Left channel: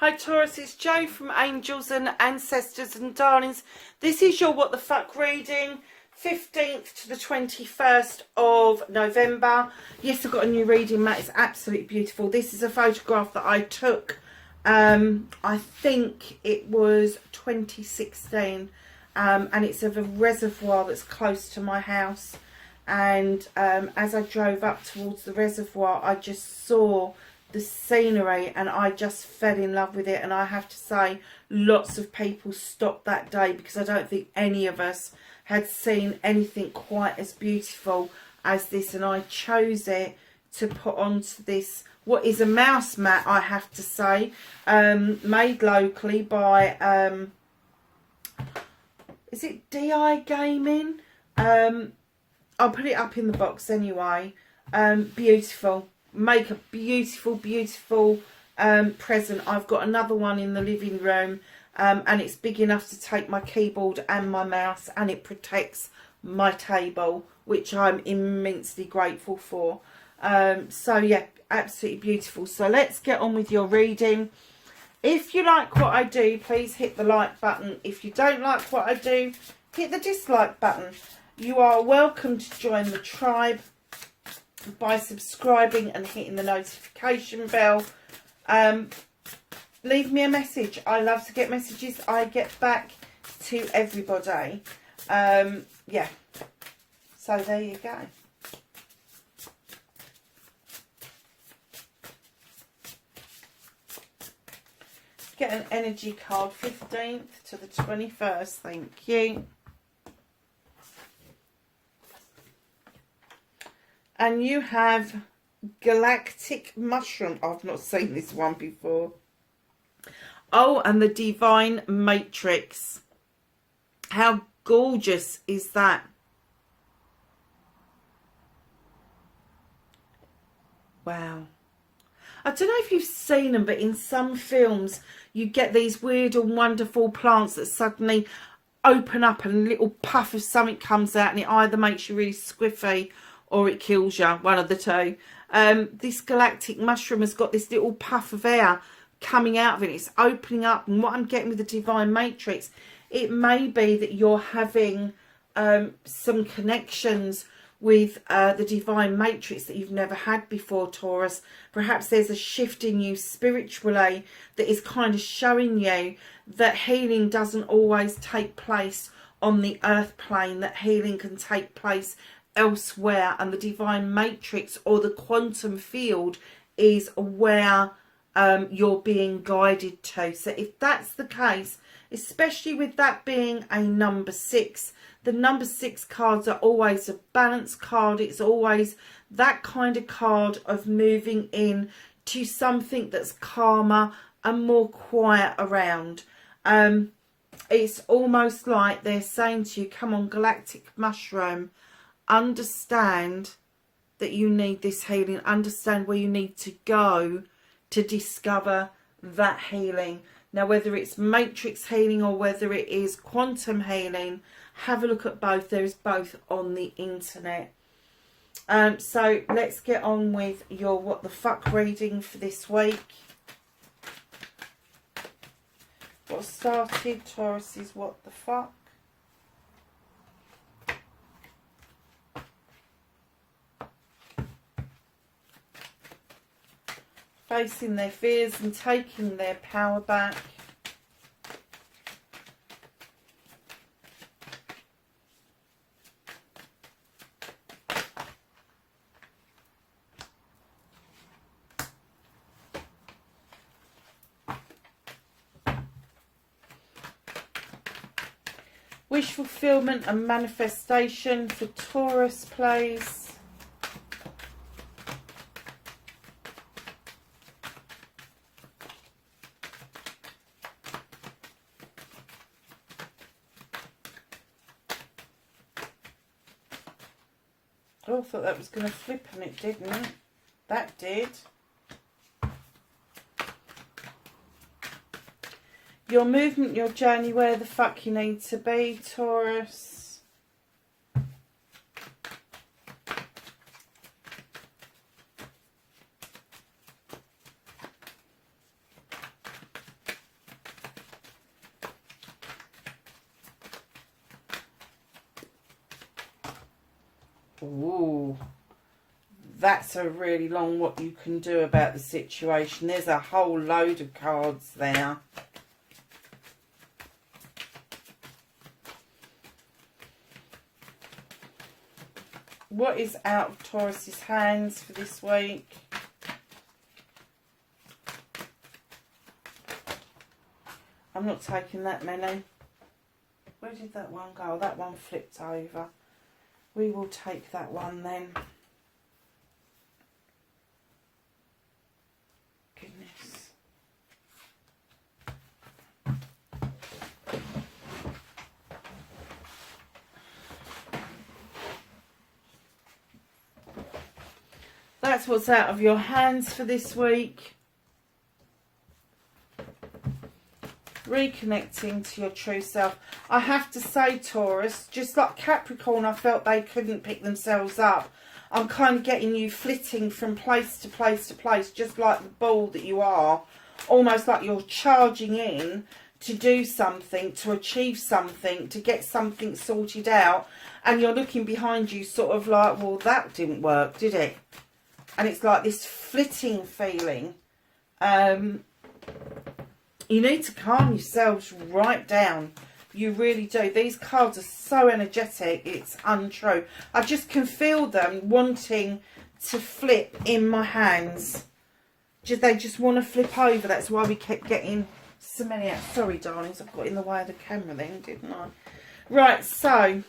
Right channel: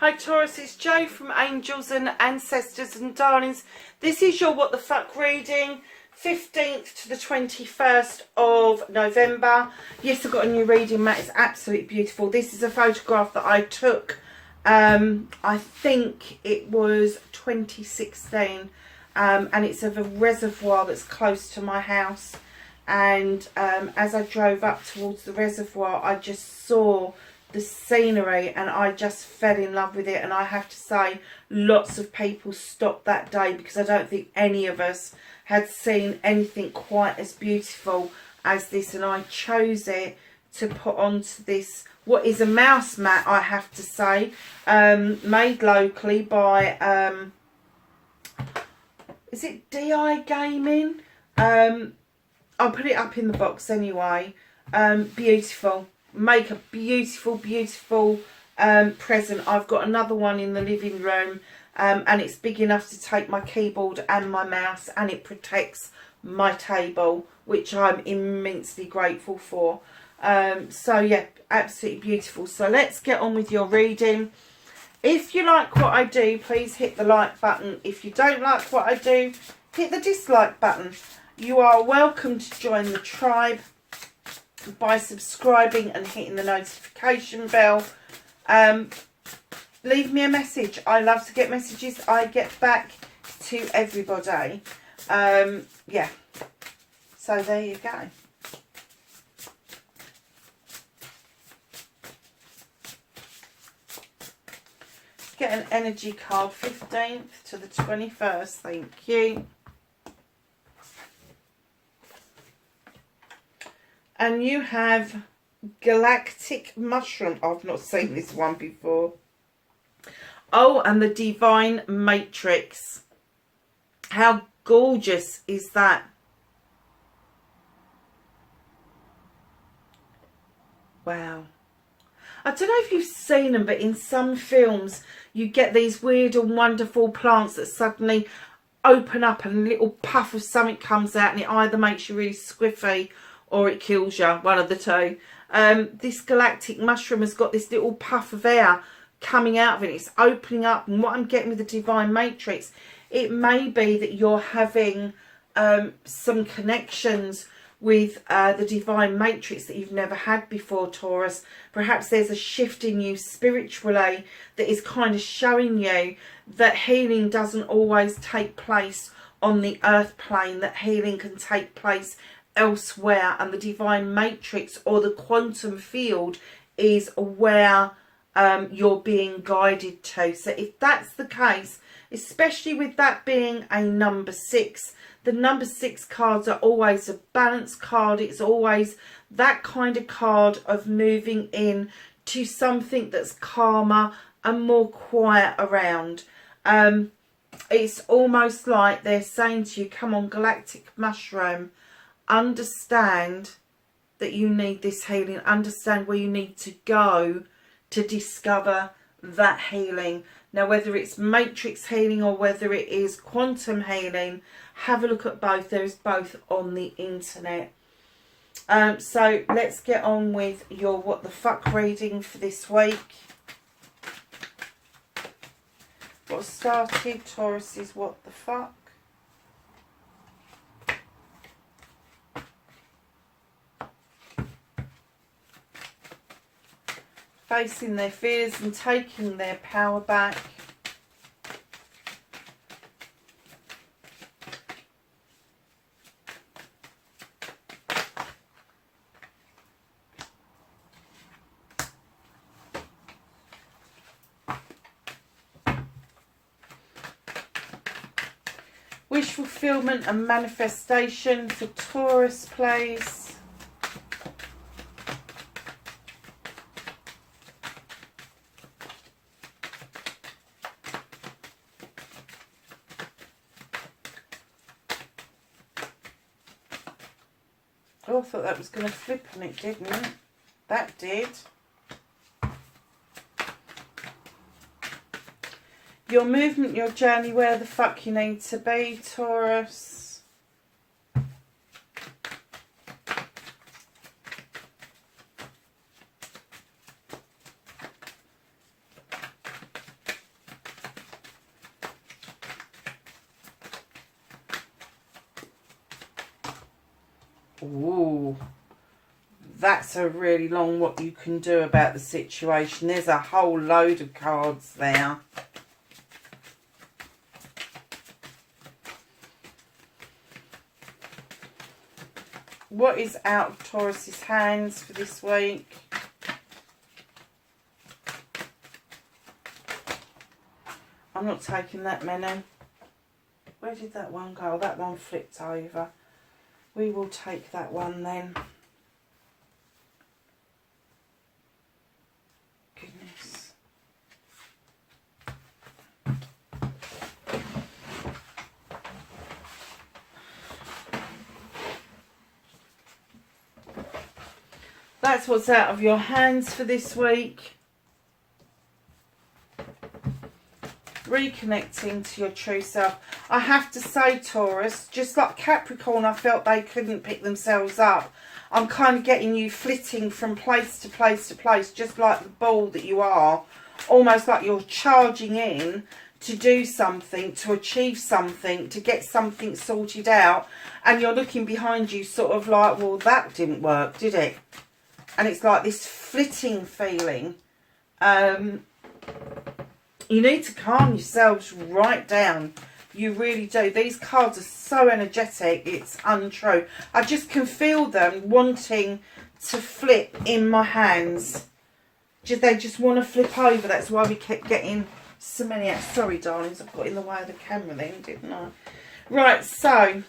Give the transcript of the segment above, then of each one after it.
Hi Taurus, it's Jo from Angels and Ancestors and Darlings. This is your What the Fuck reading, 15th to the 21st of November. Yes, I've got a new reading mat. It's absolutely beautiful. This is a photograph that I took, I think it was 2016, and it's of a reservoir that's close to my house. And as I drove up towards the reservoir, I just saw the scenery and I just fell in love with it. And I have to say, lots of people stopped that day because I don't think any of us had seen anything quite as beautiful as this. And I chose it to put onto this, what is a mouse mat, I have to say, made locally by is it DI Gaming? I'll put it up in the box anyway. Beautiful. Make a beautiful, beautiful present. I've got another one in the living room, and it's big enough to take my keyboard and my mouse, and it protects my table, which I'm immensely grateful for. So yeah, absolutely beautiful. So let's get on with your reading. If you like what I do, please hit the like button. If you don't like what I do, hit the dislike button. You are welcome to join the tribe by subscribing and hitting the notification bell. Leave me a message. I love to get messages. I get back to everybody. Yeah. So there you go. Get an energy card, 15th to the 21st. Thank you. And you have Galactic Mushroom. I've not seen this one before. Oh, and the Divine Matrix. How gorgeous is that? Wow. I don't know if you've seen them, but in some films you get these weird and wonderful plants that suddenly open up and a little puff of something comes out, and it either makes you really squiffy or it kills you, one of the two. This galactic mushroom has got this little puff of air coming out of it. It's opening up, and what I'm getting with the Divine Matrix, it may be that you're having some connections with the Divine Matrix that you've never had before, Taurus. Perhaps there's a shift in you spiritually that is kind of showing you that healing doesn't always take place on the earth plane, that healing can take place elsewhere, and the Divine Matrix or the quantum field is where you're being guided to. So if that's the case, especially with that being a number 6, the number 6 cards are always a balance card. It's always that kind of card of moving in to something that's calmer and more quiet around. It's almost like they're saying to you, come on, Galactic Mushroom, understand that you need this healing. Understand where you need to go to discover that healing. Now, whether it's matrix healing or whether it is quantum healing, have a look at both. There is both on the internet. So let's get on with your What the Fuck reading for this week. Got started Taurus's What the Fuck. Facing their fears and taking their power back. Wish fulfillment and manifestation for Taurus, please. Oh, I thought that was going to flip and it didn't. That did. Your movement, your journey, where the fuck you need to be, Taurus. Ooh, that's a really long what you can do about the situation. There's a whole load of cards there. What is out of Taurus's hands for this week? I'm not taking that many. Where did that one go? That one flipped over. We will take that one then. Goodness. That's what's out of your hands for this week. Reconnecting to your true self. I have to say, Taurus, just like Capricorn, I felt they couldn't pick themselves up. I'm kind of getting you flitting from place to place to place, just like the ball that you are. Almost like you're charging in to do something, to achieve something, to get something sorted out. And you're looking behind you sort of like, well, that didn't work, did it? And it's like this flitting feeling. You need to calm yourselves right down. You really do. These cards are so energetic, it's untrue. I just can feel them wanting to flip in my hands. They just want to flip over. That's why we kept getting so many out. Sorry, darlings, I've got in the way of the camera then, didn't I? Right, so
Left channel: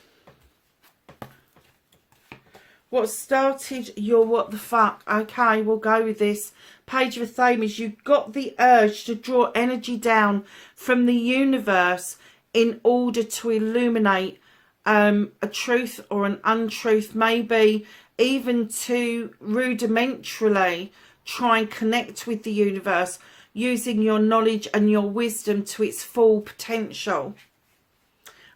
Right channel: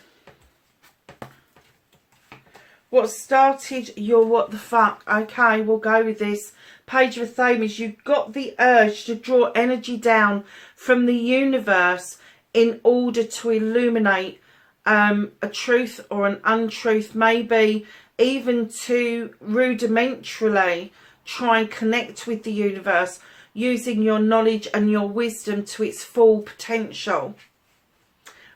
what started your what the fuck? Okay, we'll go with this. Page of Athamas, you've got the urge to draw energy down from the universe in order to illuminate a truth or an untruth, maybe even to rudimentarily try and connect with the universe using your knowledge and your wisdom to its full potential.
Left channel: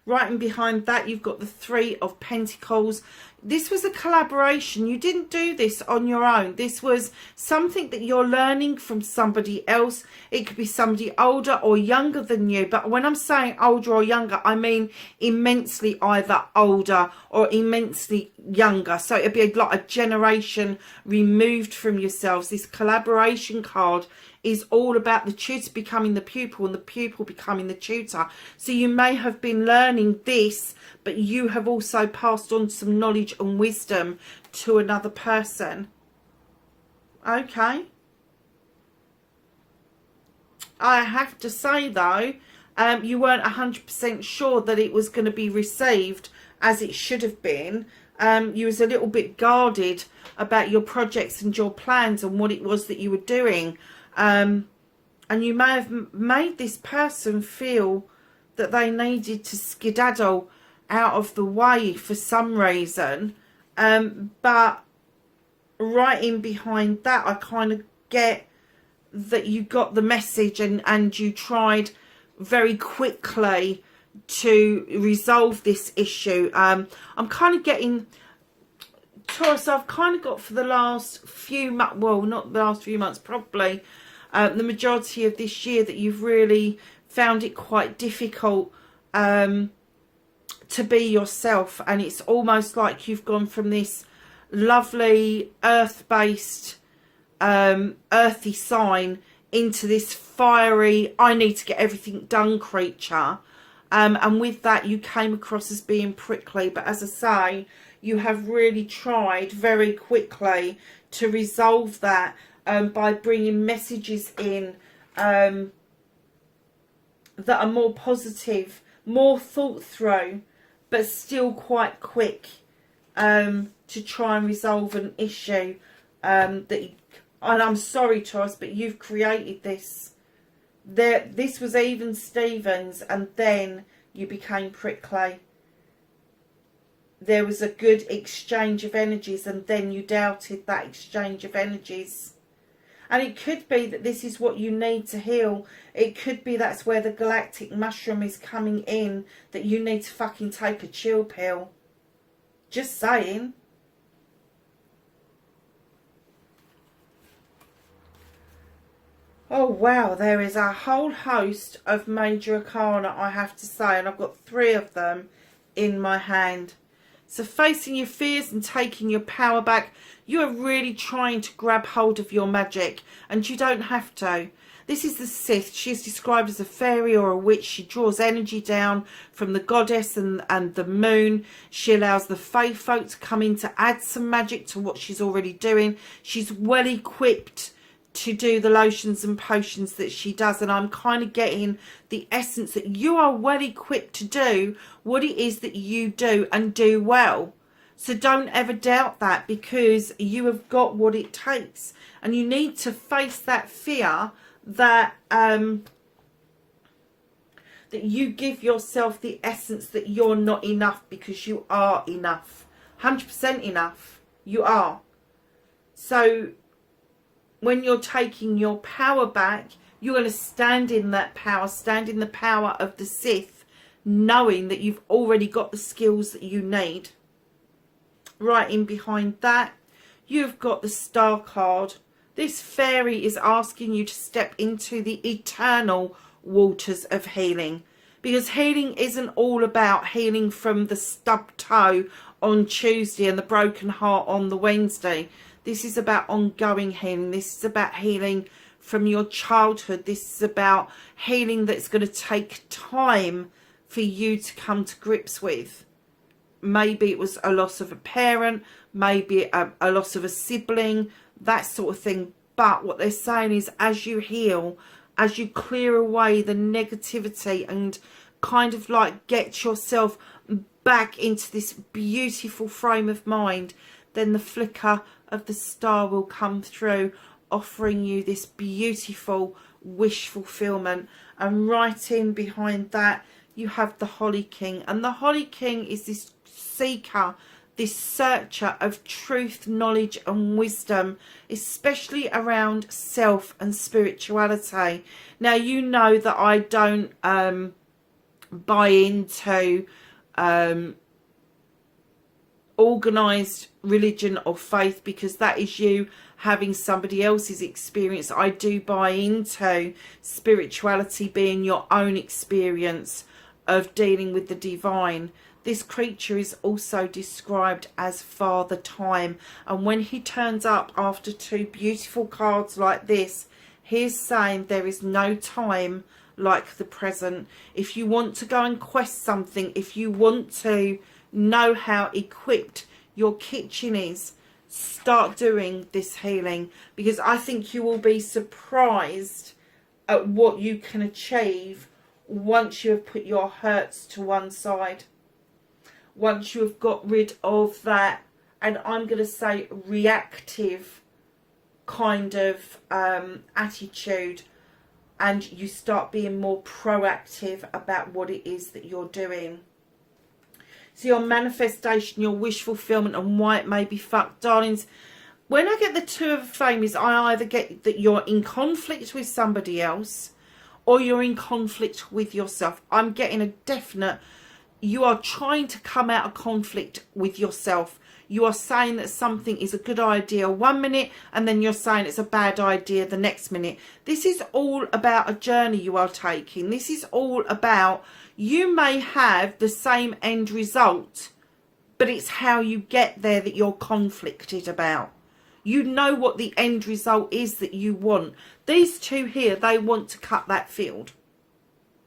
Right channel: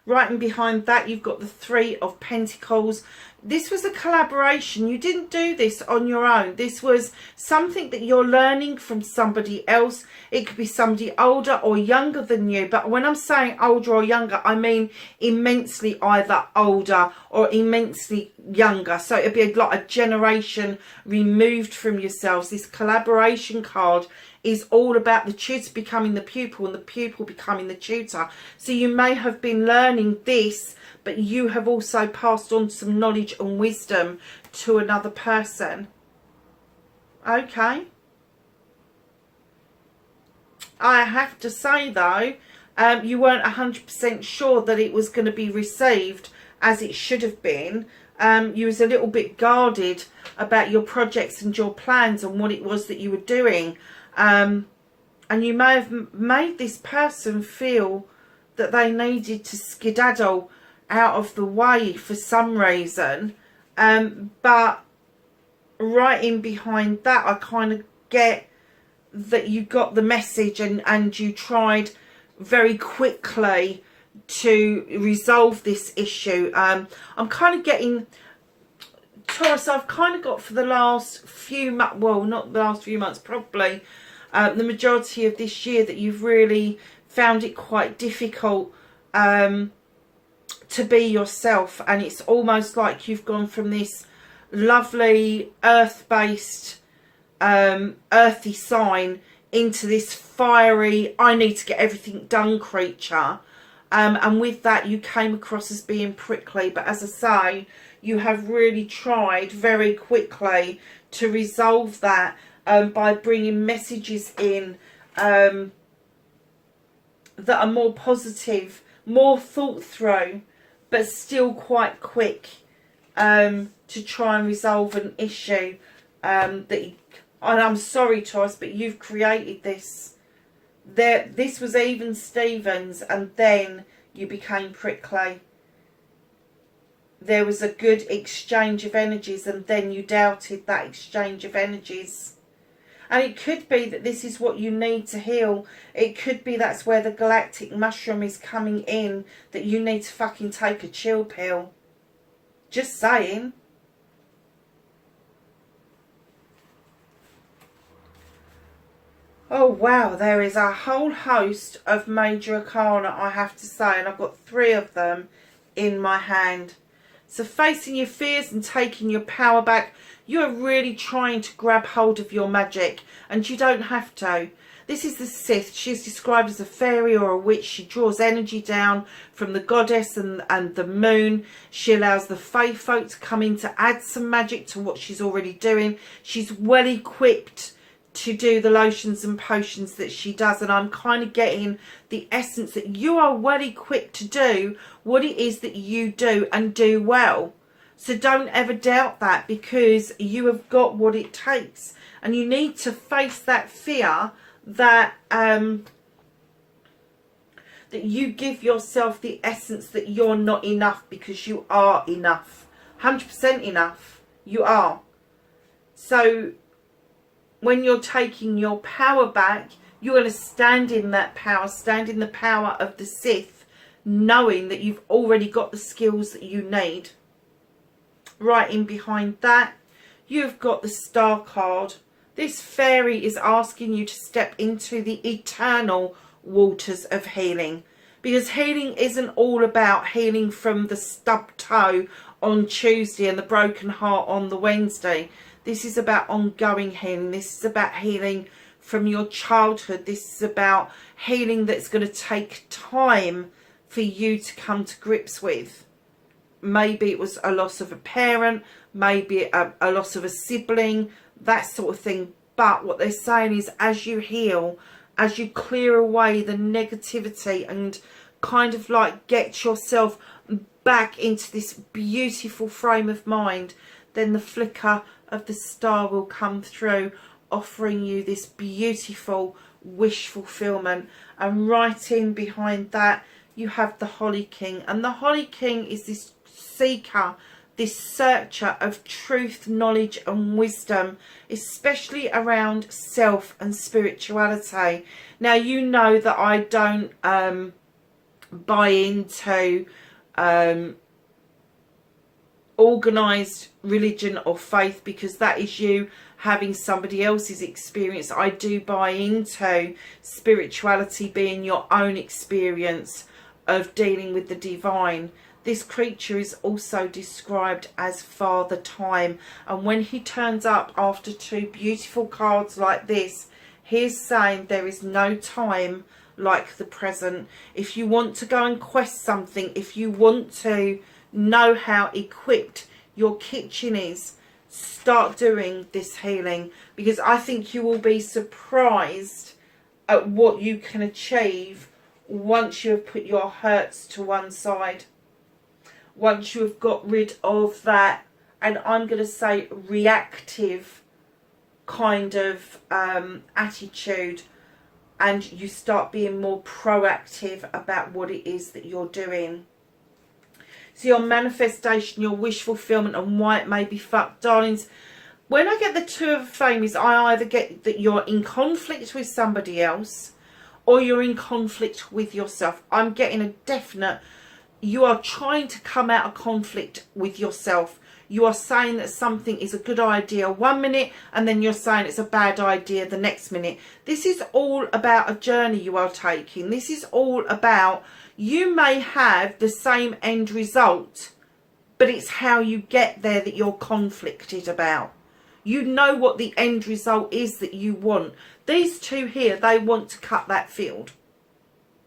Right, and behind that you've got the Three of Pentacles. This was a collaboration. You didn't do this on your own. This was something that you're learning from somebody else. It could be somebody older or younger than you. But when I'm saying older or younger, I mean immensely either older or immensely younger. So it'd be like a generation removed from yourselves. This collaboration card is all about the tutor becoming the pupil and the pupil becoming the tutor. So you may have been learning this, but you have also passed on some knowledge and wisdom to another person. Okay. I have to say though, you weren't 100% sure that it was going to be received as it should have been. You was a little bit guarded about your projects and your plans and what it was that you were doing. And you may have made this person feel that they needed to skedaddle out of the way for some reason. But right in behind that, I kind of get that you got the message and you tried very quickly to resolve this issue. I'm kind of getting... Taurus, I've kind of got for the last few months, well, not the last few months, probably the majority of this year, that you've really found it quite difficult to be yourself. And it's almost like you've gone from this lovely earth-based, earthy sign into this fiery, I need to get everything done creature. And with that, you came across as being prickly. But as I say, you have really tried very quickly to resolve that by bringing messages in that are more positive, more thought through, but still quite quick to try and resolve an issue and I'm sorry, Taurus, but you've created this. This was even Stevens, and then you became prickly. There was a good exchange of energies, and then you doubted that exchange of energies. And it could be that this is what you need to heal. It could be that's where the galactic mushroom is coming in, that you need to fucking take a chill pill. Just saying. Oh wow, there is a whole host of major arcana, I have to say, and I've got 3 of them in my hand. So facing your fears and taking your power back, you are really trying to grab hold of your magic, and you don't have to. This is the Sith. She is described as a fairy or a witch. She draws energy down from the goddess and the moon. She allows the fae folk to come in to add some magic to what she's already doing. She's well equipped to do the lotions and potions that she does, and I'm kind of getting the essence that you are well equipped to do what it is that you do and do well. So don't ever doubt that, because you have got what it takes, and you need to face that fear that that you give yourself the essence that you're not enough, because you are enough, 100% enough. You are. So when you're taking your power back, you're going to stand in that power, stand in the power of the Sith, knowing that you've already got the skills that you need. Right in behind that, you've got the Star card. This fairy is asking you to step into the eternal waters of healing, because healing isn't all about healing from the stubbed toe on Tuesday and the broken heart on the Wednesday. This is about ongoing healing. This is about healing from your childhood. This is about healing that's going to take time for you to come to grips with. Maybe it was a loss of a parent, maybe a loss of a sibling, that sort of thing. But what they're saying is, as you heal, as you clear away the negativity and kind of like get yourself back into this beautiful frame of mind, then the flicker of the star will come through, offering you this beautiful wish fulfillment. And right in behind that, you have the Holly King. And the Holly King is this seeker, this searcher of truth, knowledge and wisdom, especially around self and spirituality. Now, you know that I don't buy into organised religion or faith, because that is you having somebody else's experience. I do buy into spirituality being your own experience of dealing with the divine. This creature is also described as Father Time, and when he turns up after two beautiful cards like this, he's saying there is no time like the present. If you want to go and quest something, if you want to know how equipped your kitchen is, start doing this healing, because I think you will be surprised at what you can achieve once you have put your hurts to one side, once you have got rid of that, and I'm going to say reactive kind of attitude, and you start being more proactive about what it is that you're doing. So your manifestation, your wish fulfillment, and why it may be fucked, darlings. When I get the Two of Flames, I either get that you're in conflict with somebody else, or you're in conflict with yourself. I'm getting a definite, you are trying to come out of conflict with yourself. You are saying that something is a good idea one minute, and then you're saying it's a bad idea the next minute. This is all about a journey you are taking. This is all about, you may have the same end result, but it's how you get there that you're conflicted about. You know what the end result is that you want. These two here, they want to cut that field.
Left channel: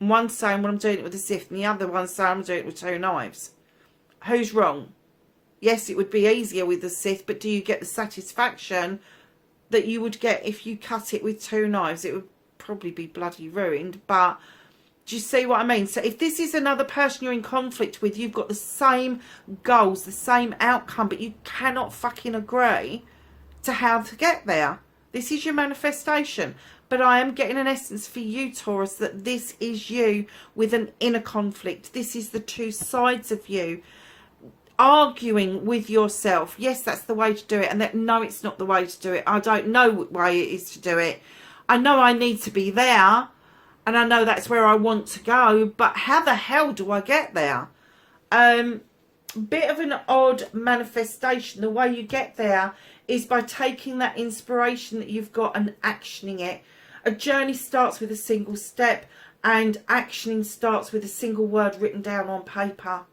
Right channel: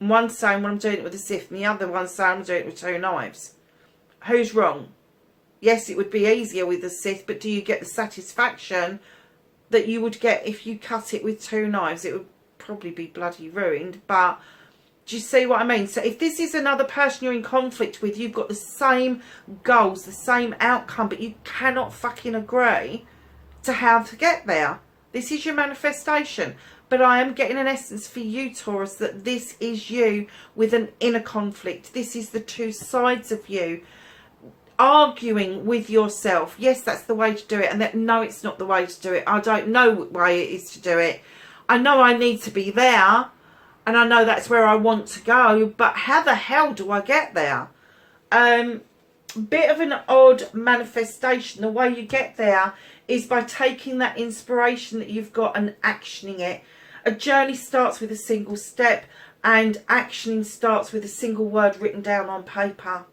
One's saying, well, I'm doing it with a Sith, and the other one's saying, I'm doing it with two knives. Who's wrong? Yes, it would be easier with the Sith, but do you get the satisfaction that you would get if you cut it with two knives? It would probably be bloody ruined, but do you see what I mean? So if this is another person you're in conflict with, you've got the same goals, the same outcome, but you cannot fucking agree to how to get there. This is your manifestation. But I am getting an essence for you, Taurus, that this is you with an inner conflict. This is the two sides of you arguing with yourself. Yes, that's the way to do it. And that, no, it's not the way to do it. I don't know what way it is to do it. I know I need to be there, and I know that's where I want to go, but how the hell do I get there? Bit of an odd manifestation. The way you get there is by taking that inspiration that you've got and actioning it. A journey starts with a single step, and actioning starts with a single word written down on paper.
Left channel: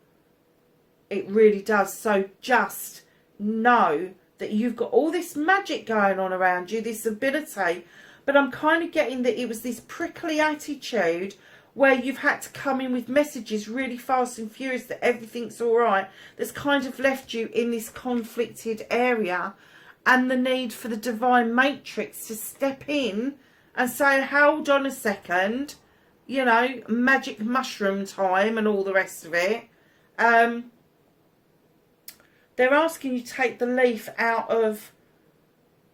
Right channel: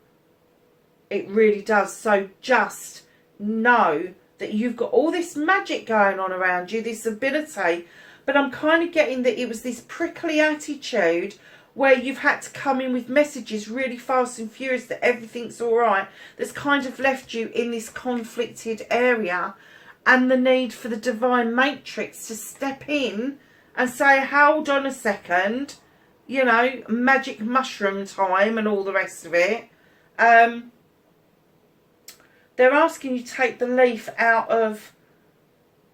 It really does. So just know that you've got all this magic going on around you, this ability, but I'm kind of getting that it was this prickly attitude where you've had to come in with messages really fast and furious that everything's all right, that's kind of left you in this conflicted area, and the need for the divine matrix to step in and say, hold on a second, you know, magic mushroom time and all the rest of it. They're asking you to take the leaf out of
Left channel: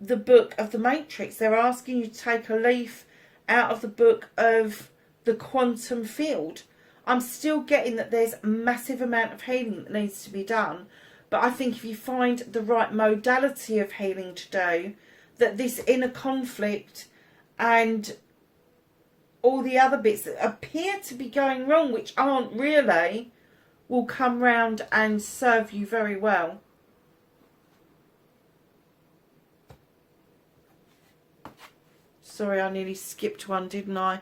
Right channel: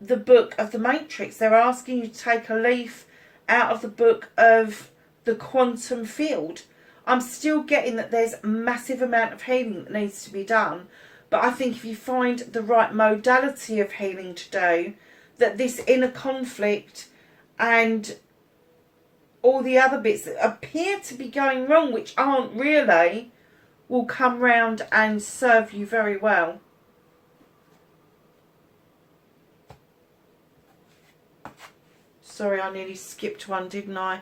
the book of the matrix. They're asking you to take a leaf out of the book of the quantum field. I'm still getting that there's a massive amount of healing that needs to be done, but I think if you find the right modality of healing to do, that this inner conflict and all the other bits that appear to be going wrong, which aren't really, will come round and serve you very well. Sorry, I nearly skipped one, didn't I?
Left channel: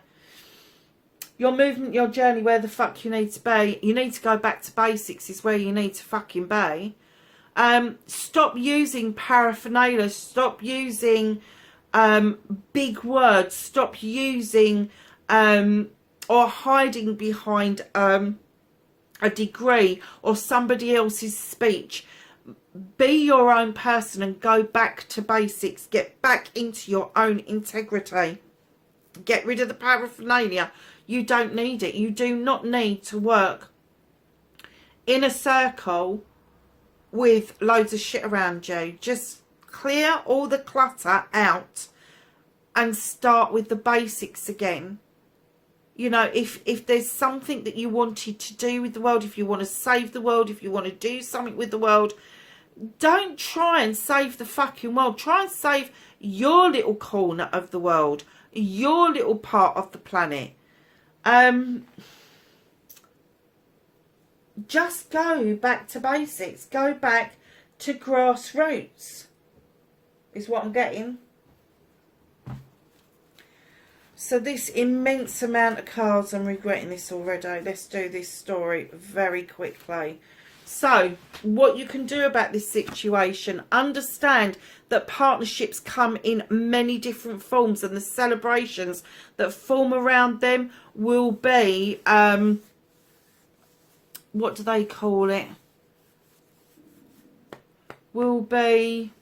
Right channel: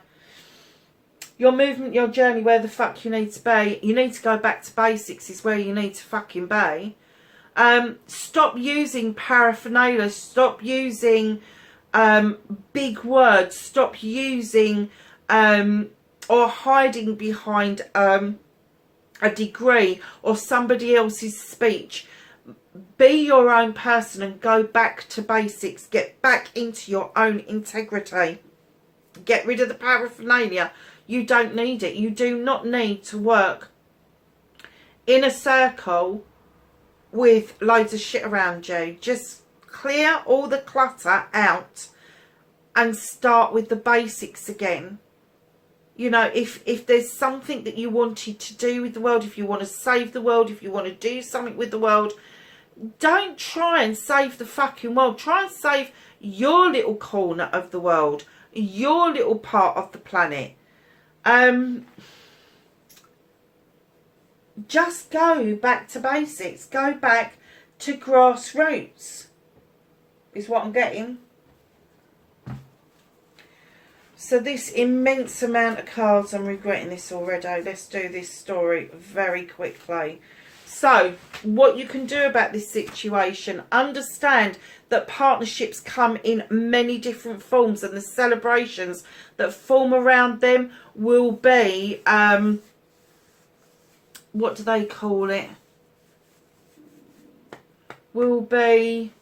Your movement, your journey, where the fuck you need to be. You need to go back to basics is where you need to fucking be. Stop using paraphernalia. Stop using big words. Stop using or hiding behind a degree or somebody else's speech. Be your own person and go back to basics. Get back into your own integrity. Get rid of the paraphernalia. You don't need it. You do not need to work in a circle with loads of shit around you. Just clear all the clutter out and start with the basics again. You know, if there's something that you wanted to do with the world, if you want to save the world, if you want to do something with the world, don't try and save the fucking world. Try and save your little corner of the world, your little part of the planet. Just go back to basics. Go back to grassroots is what I'm getting. So this immense amount of cards, I'm regretting this already. Let's do this story very quickly. So what you can do about this situation, understand that partnerships come in many different forms, and the celebrations that form around them will be, what do they call it? Will be,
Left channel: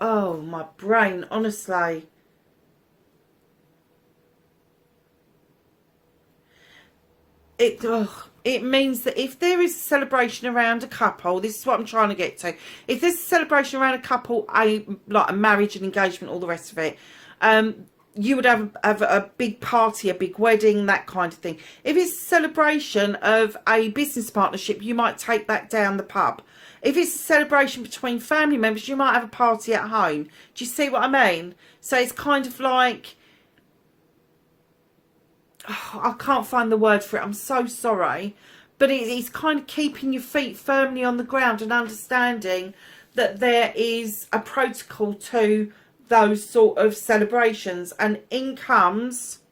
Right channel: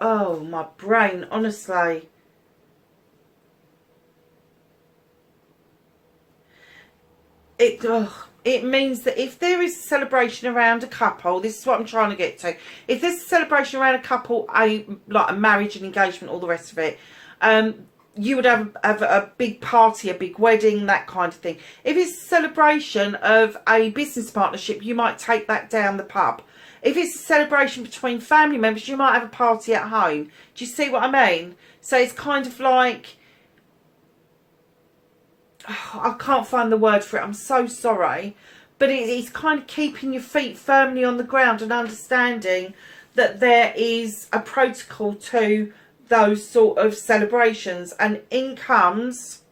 oh, my brain, honestly. It means that if there is a celebration around a couple, this is what I'm trying to get to. If there's a celebration around a couple, like a marriage and engagement, all the rest of it, you would have a big party, a big wedding, that kind of thing. If it's a celebration of a business partnership, you might take that down the pub. If it's a celebration between family members, you might have a party at home. Do you see what I mean? So it's kind of like, I can't find the word for it, I'm so sorry, but it's kind of keeping your feet firmly on the ground and understanding that there is a protocol to those sort of celebrations. And in comes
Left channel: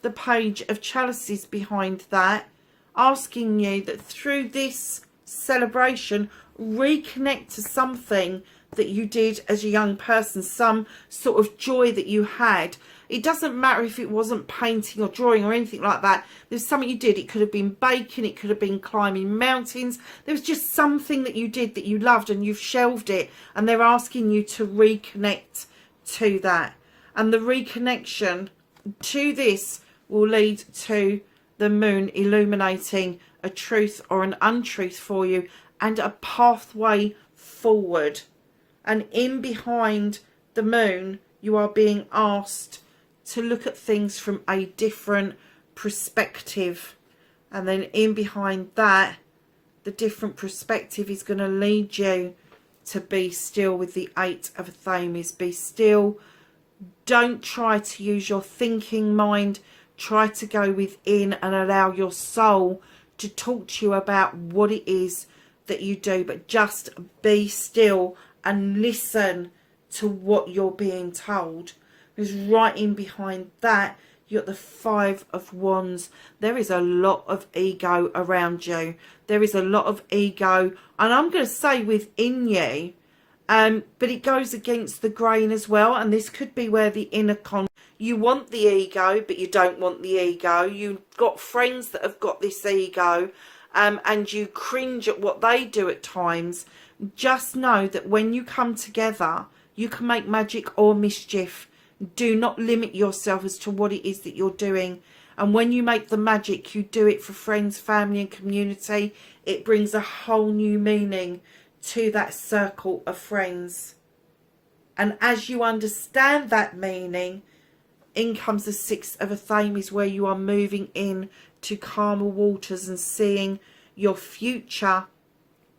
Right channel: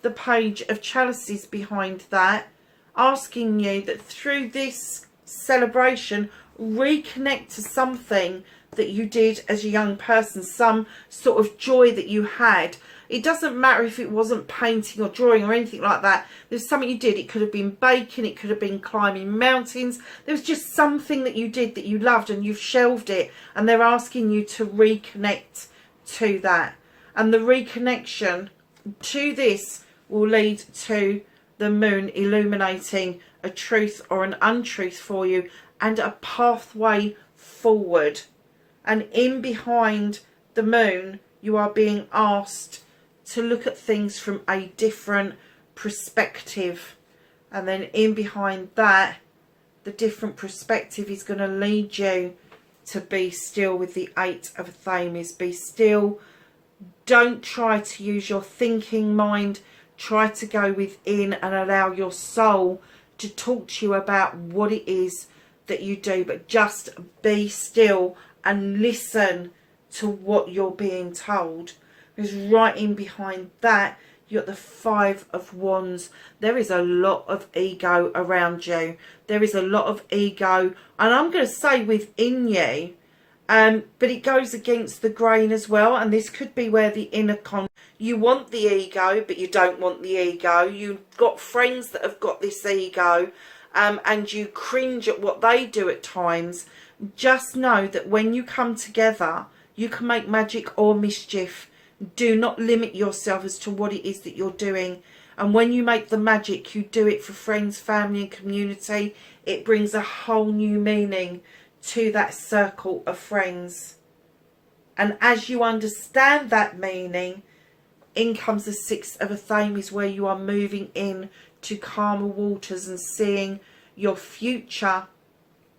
the Page of Chalices behind that, asking you that through this celebration, reconnect to something that you did as a young person, some sort of joy that you had. It doesn't matter if it wasn't painting or drawing or anything like that. There's something you did. It could have been baking. It could have been climbing mountains. There was just something that you did that you loved and you've shelved it. And they're asking you to reconnect to that. And the reconnection to this will lead to the moon illuminating a truth or an untruth for you and a pathway forward. And in behind the moon, you are being asked to look at things from a different perspective. And then in behind that, the different perspective is going to lead you to be still with the Eight of Thames. Be still. Don't try to use your thinking mind. Try to go within and allow your soul to talk to you about what it is that you do. But just be still and listen to what you're being told. Because right in behind that, You've got the Five of Wands. There is a lot of ego around you. There is a lot of ego, and I'm going to say within you, but it goes against the grain as well. And this could be where the inner you want the ego, but you don't want the ego. You've got friends that have got this ego, and you cringe at what they do at times. Just know that when you come together, you can make magic or mischief. Do not limit yourself as to what it is that you're doing. And when you make the magic, you do it for friends, family and community. It brings a whole new meaning to that circle of friends. And as you understand that meaning, in comes the Six of Athames, where you are moving in to calmer waters and seeing your future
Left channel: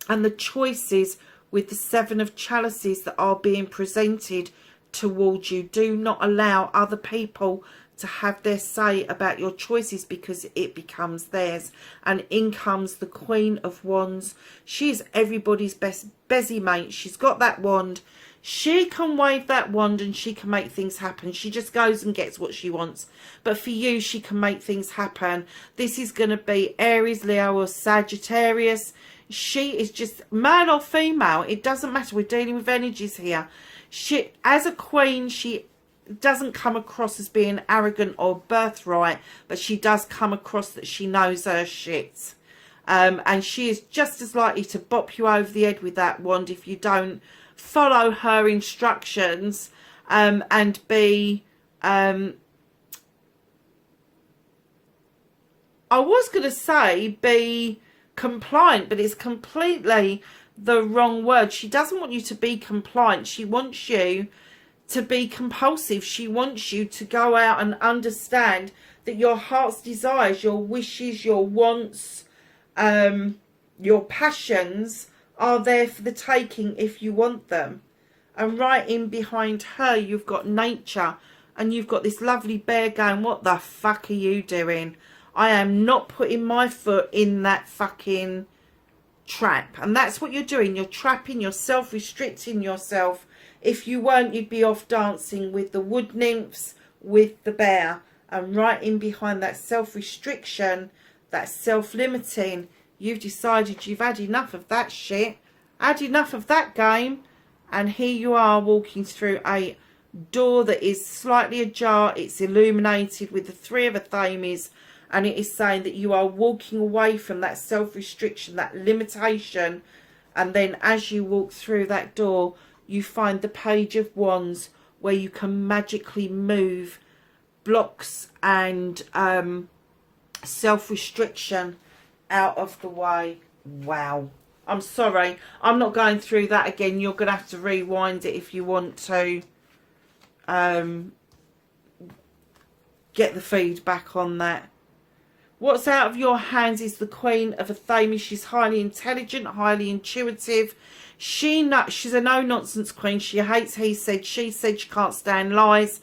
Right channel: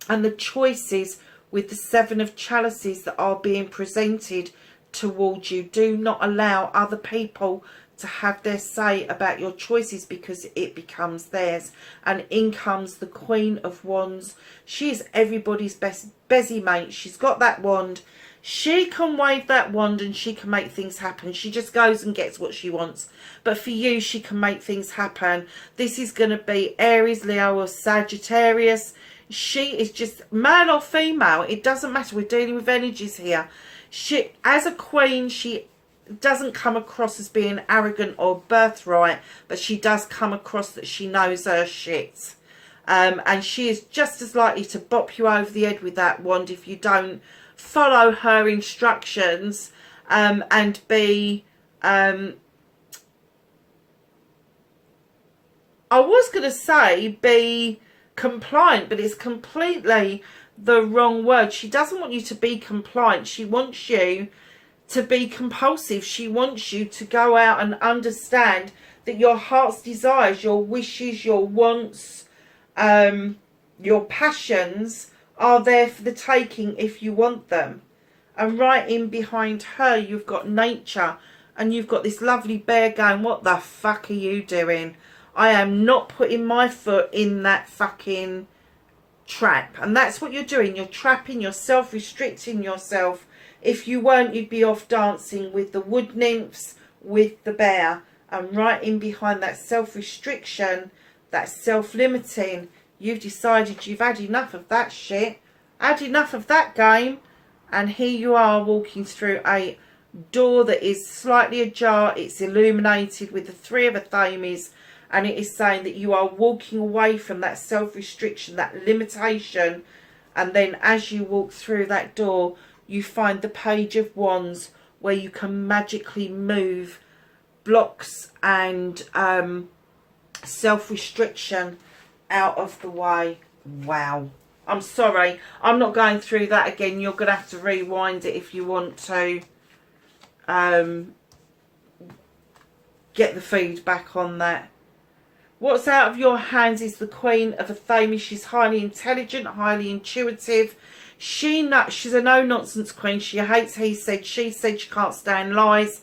and the choices with the Seven of Chalices that are being presented towards you. Do not allow other people to have their say about your choices, because it becomes theirs. And in comes the Queen of Wands. She is everybody's best busy mate. She's got that wand. She can wave that wand and she can make things happen. She just goes and gets what she wants. But for you, she can make things happen. This is going to be Aries, Leo or Sagittarius. She is just male or female. It doesn't matter. We're dealing with energies here. She, as a queen, she doesn't come across as being arrogant or birthright, but she does come across that she knows her shit. And she is just as likely to bop you over the head with that wand if you don't follow her instructions, and be I was going to say be compliant, but it's completely the wrong word. She doesn't want you to be compliant. She wants you to be compulsive. She wants you to go out and understand that your heart's desires, your wishes, your wants, your passions are there for the taking if you want them. And right in behind her, you've got nature, and you've got this lovely bear going, what the fuck are you doing? I am not putting my foot in that fucking trap. And that's what you're doing. You're trapping yourself, restricting yourself. If you weren't, you'd be off dancing with the wood nymphs, with the bear. And right in behind that self-restriction, that self-limiting, you've decided you've had enough of that shit, had enough of that game, and here you are walking through a door that is slightly ajar. It's illuminated with the Three of Athames, and it is saying that you are walking away from that self-restriction, that limitation. And then as you walk through that door, you find the Page of Wands, where you can magically move blocks and self-restriction out of the way. Wow. I'm sorry, I'm not going through that again. You're going to have to rewind it if you want to get the feedback on that. What's out of your hands is the Queen of Athames. She's highly intelligent, highly intuitive. She's a no-nonsense queen. She hates he said, she said. She can't stand lies.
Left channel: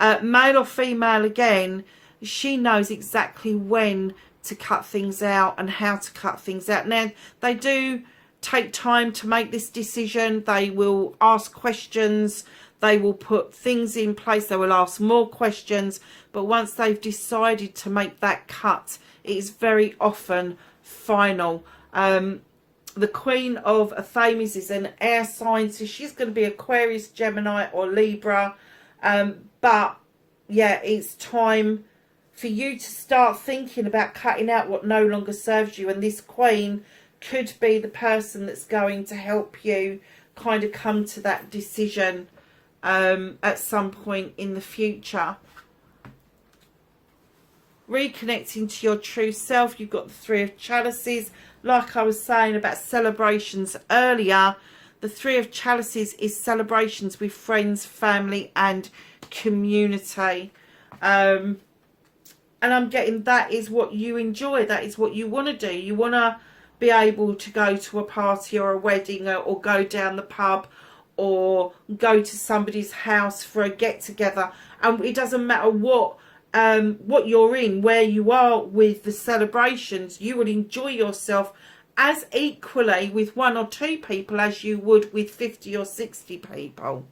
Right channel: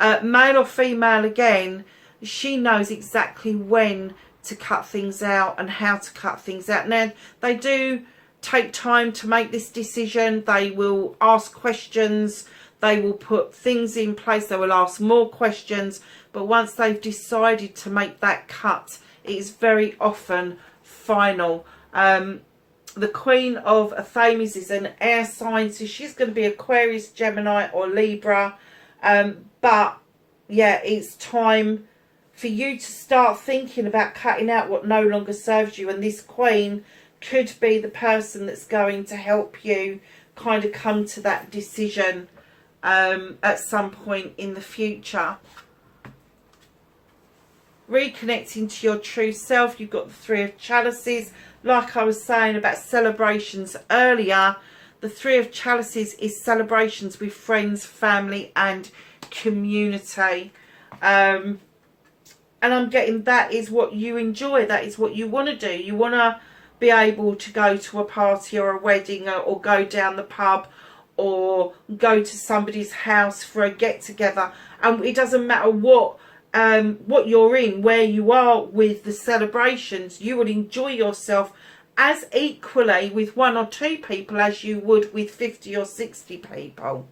Male or female, again, she knows exactly when to cut things out and how to cut things out. Now, they do take time to make this decision. They will ask questions. They will put things in place. They will ask more questions. But once they've decided to make that cut, it is very often final. The Queen of Athames is an air sign, so she's going to be Aquarius, Gemini or Libra. But yeah, it's time for you to start thinking about cutting out what no longer serves you. And this Queen could be the person that's going to help you kind of come to that decision at some point in the future. Reconnecting to your true self, you've got the Three of Chalices. Like I was saying about celebrations earlier, the Three of Chalices is celebrations with friends, family and community. And I'm getting that is what you enjoy. That is what you want to do. You want to be able to go to a party or a wedding, or go down the pub, or go to somebody's house for a get-together. And it doesn't matter what you're in, where you are with the celebrations. You will enjoy yourself as equally with 1 or 2 people as you would with 50 or 60 people.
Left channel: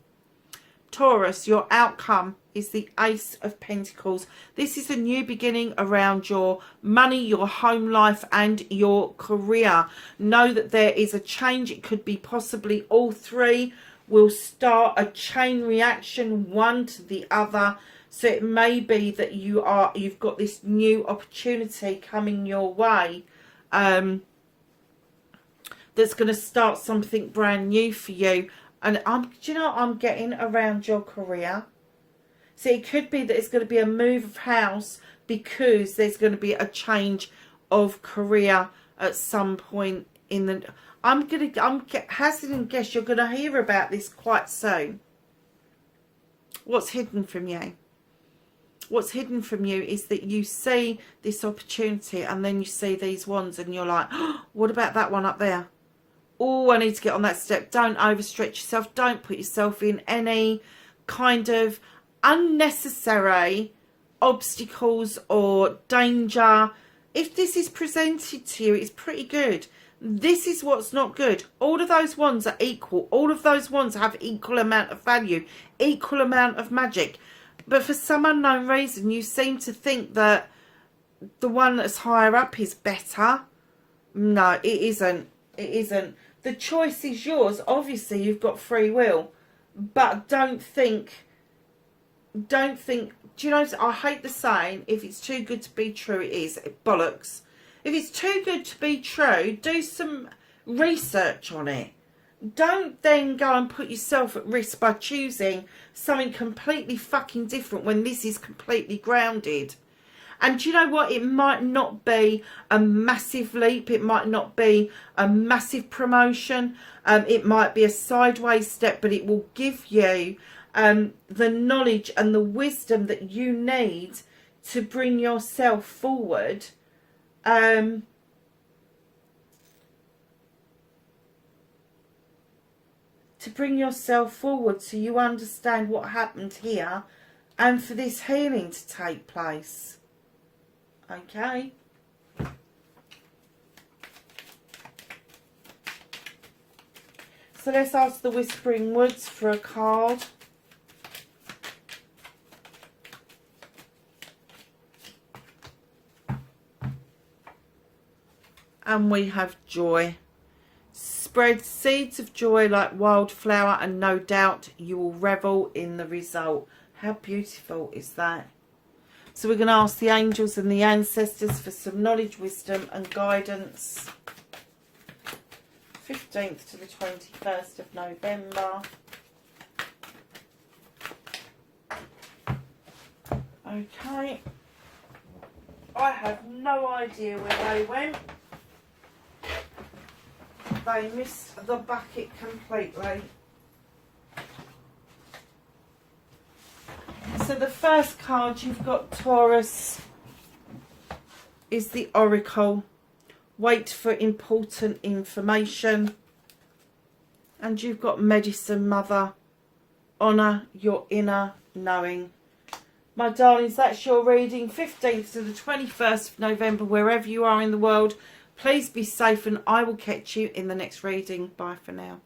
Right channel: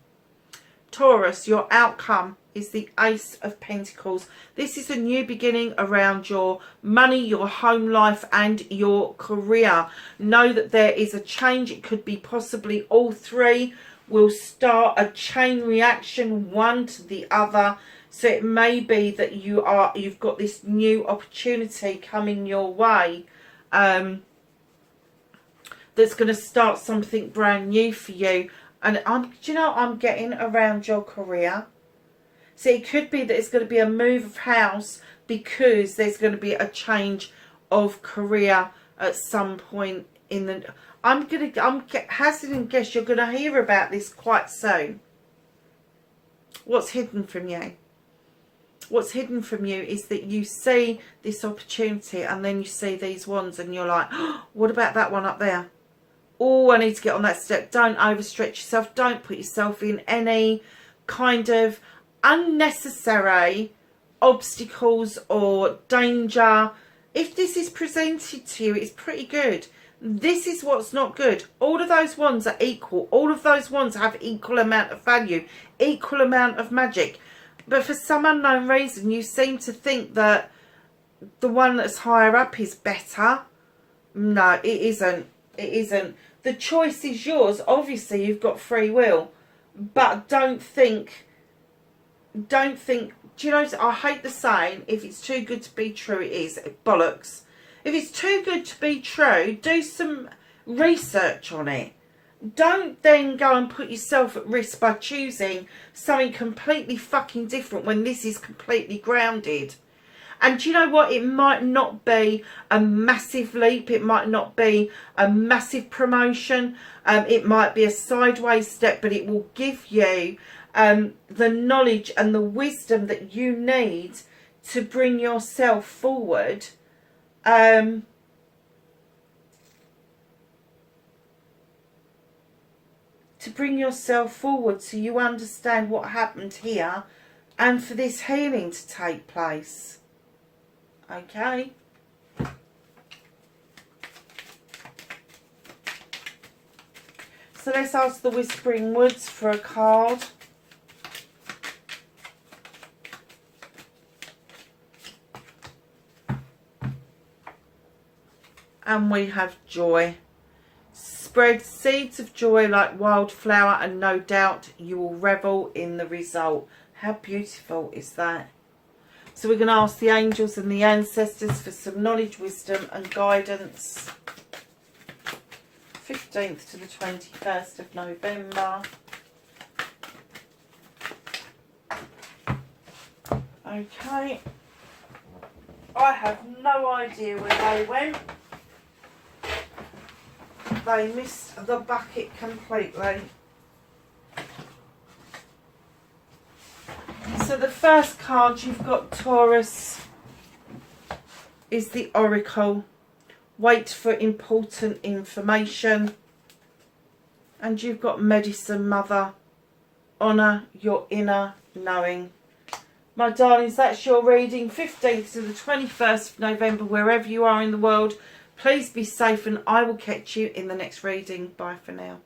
Taurus, your outcome. is the Ace of Pentacles. This is a new beginning around your money, your home life and your career. Know that there is a change. It could be possibly all three will start a chain reaction, one to the other. So it may be that you've got this new opportunity coming your way, that's going to start something brand new for you. And do you know what I'm getting around your career? So it could be that it's going to be a move of house because there's going to be a change of career at some point in the. I'm hazarding and guess you're going to hear about this quite soon. What's hidden from you? What's hidden from you is that you see this opportunity and then you see these ones and you're like, oh, what about that one up there? Oh, I need to get on that step. Don't overstretch yourself. Don't put yourself in any kind of unnecessary obstacles or danger. If this is presented to you, it's pretty good. This is what's not good. All of those ones are equal. All of those ones have equal amount of value, equal amount of magic. But for some unknown reason, you seem to think that the one that's higher up is better. No, it isn't. It isn't. The choice is yours. Obviously, you've got free will. But don't think, do you know, I hate the saying, if it's too good to be true, it is. Bollocks. If it's too good to be true, do some research on it. Don't then go and put yourself at risk by choosing something completely fucking different when this is completely grounded. And do you know what? It might not be a massive leap. It might not be a massive promotion. It might be a sideways step, but it will give you the knowledge and the wisdom that you need to bring yourself forward. To bring yourself forward so you understand what happened here and for this healing to take place. Okay. So let's ask the Whispering Woods for a card. And we have joy. Spread seeds of joy like wildflower and no doubt you will revel in the result. How beautiful is that? So we're going to ask the angels and the ancestors for some knowledge, wisdom and guidance. 15th to the 21st of November. Okay. I have no idea where they went. They missed the bucket completely. So the first card you've got, Taurus, is the Oracle. Wait for important information. And you've got Medicine Mother. Honour your inner knowing. My darlings, that's your reading. 15th to the 21st of November, wherever you are in the world. Please be safe and I will catch you in the next reading. Bye for now.